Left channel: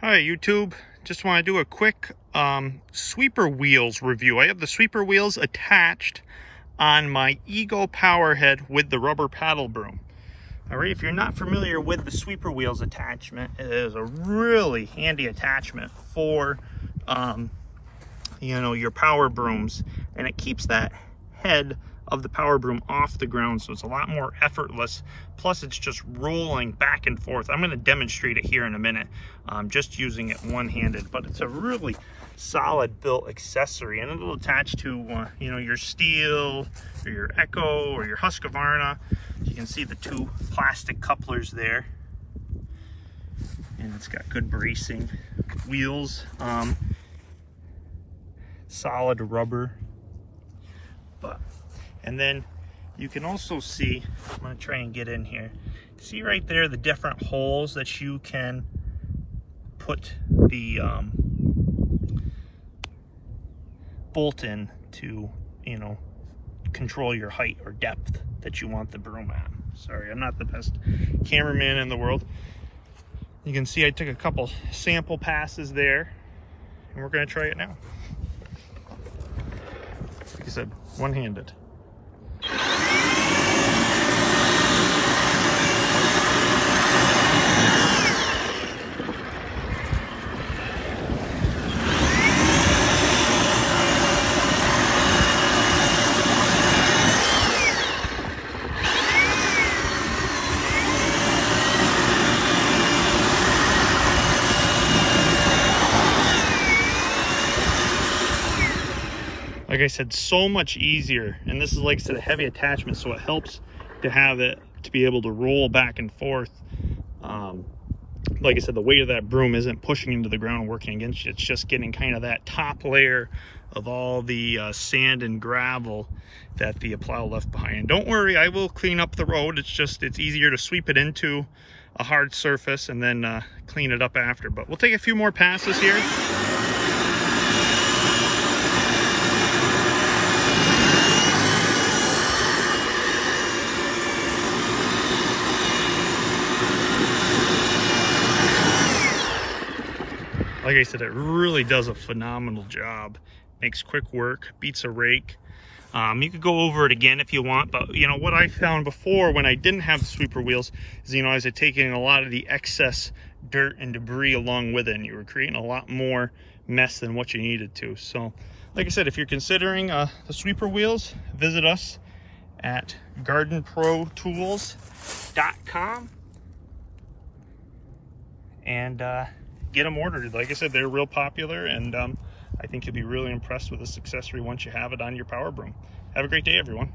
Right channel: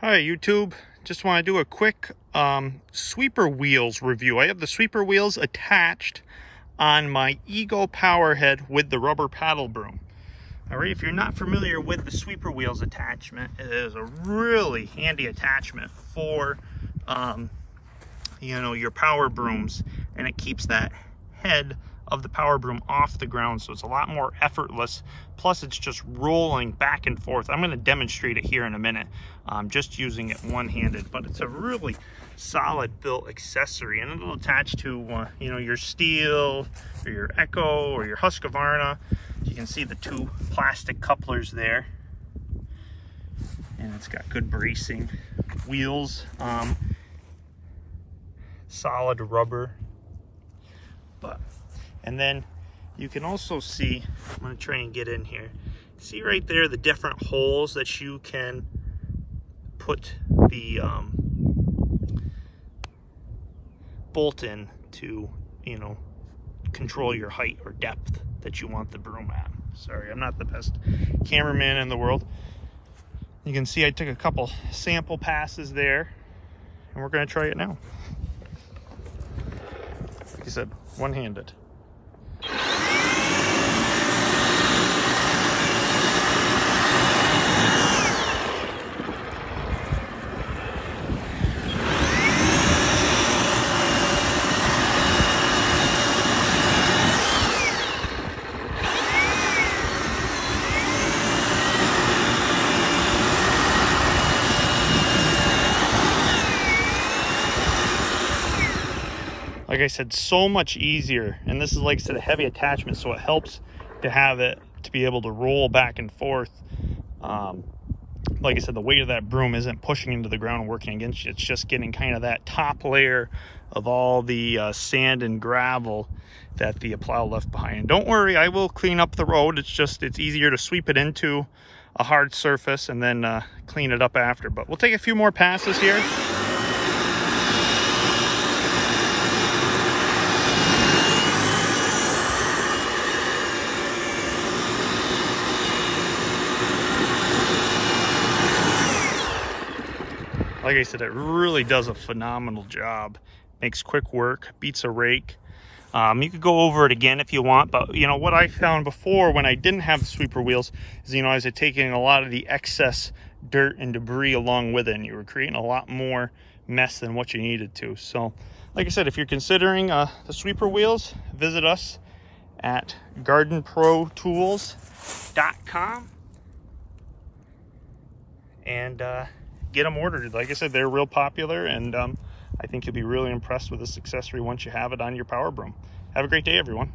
Hi YouTube, just want to do a quick sweeper wheels review. I have the sweeper wheels attached on my EGO power head with the rubber paddle broom. Alright, if you're not familiar with the sweeper wheels attachment, it is a really handy attachment for your power brooms, and it keeps that head of the power broom off the ground, so it's a lot more effortless. Plus it's just rolling back and forth. I'm going to demonstrate it here in a minute, just using it one-handed, but it's a really solid built accessory, and it'll attach to your steel or your EGO or your Husqvarna. You can see the two plastic couplers there, and it's got good bracing wheels, solid rubber. And then you can also see, I'm going to try and get in here, see right there the different holes that you can put the bolt in to, control your height or depth that you want the broom at. Sorry, I'm not the best cameraman in the world. You can see I took a couple sample passes there, and we're going to try it now. Like I said, one-handed. Like I said, so much easier, and this is, like I said, a heavy attachment, so it helps to have it to be able to roll back and forth. Like I said, the weight of that broom isn't pushing into the ground and working against you. It's just getting kind of that top layer of all the sand and gravel that the plow left behind. And don't worry, I will clean up the road. It's easier to sweep it into a hard surface and then clean it up after. But we'll take a few more passes here. Like I said, it really does a phenomenal job. Makes quick work, beats a rake. You could go over it again if you want, but what I found before when I didn't have the sweeper wheels is, I was taking a lot of the excess dirt and debris along with it, and you were creating a lot more mess than what you needed to. So, like I said, if you're considering the sweeper wheels, visit us at gardenprotools.com and get them ordered. Like I said, they're real popular, and I think you'll be really impressed with this accessory once you have it on your power broom. Have a great day, everyone.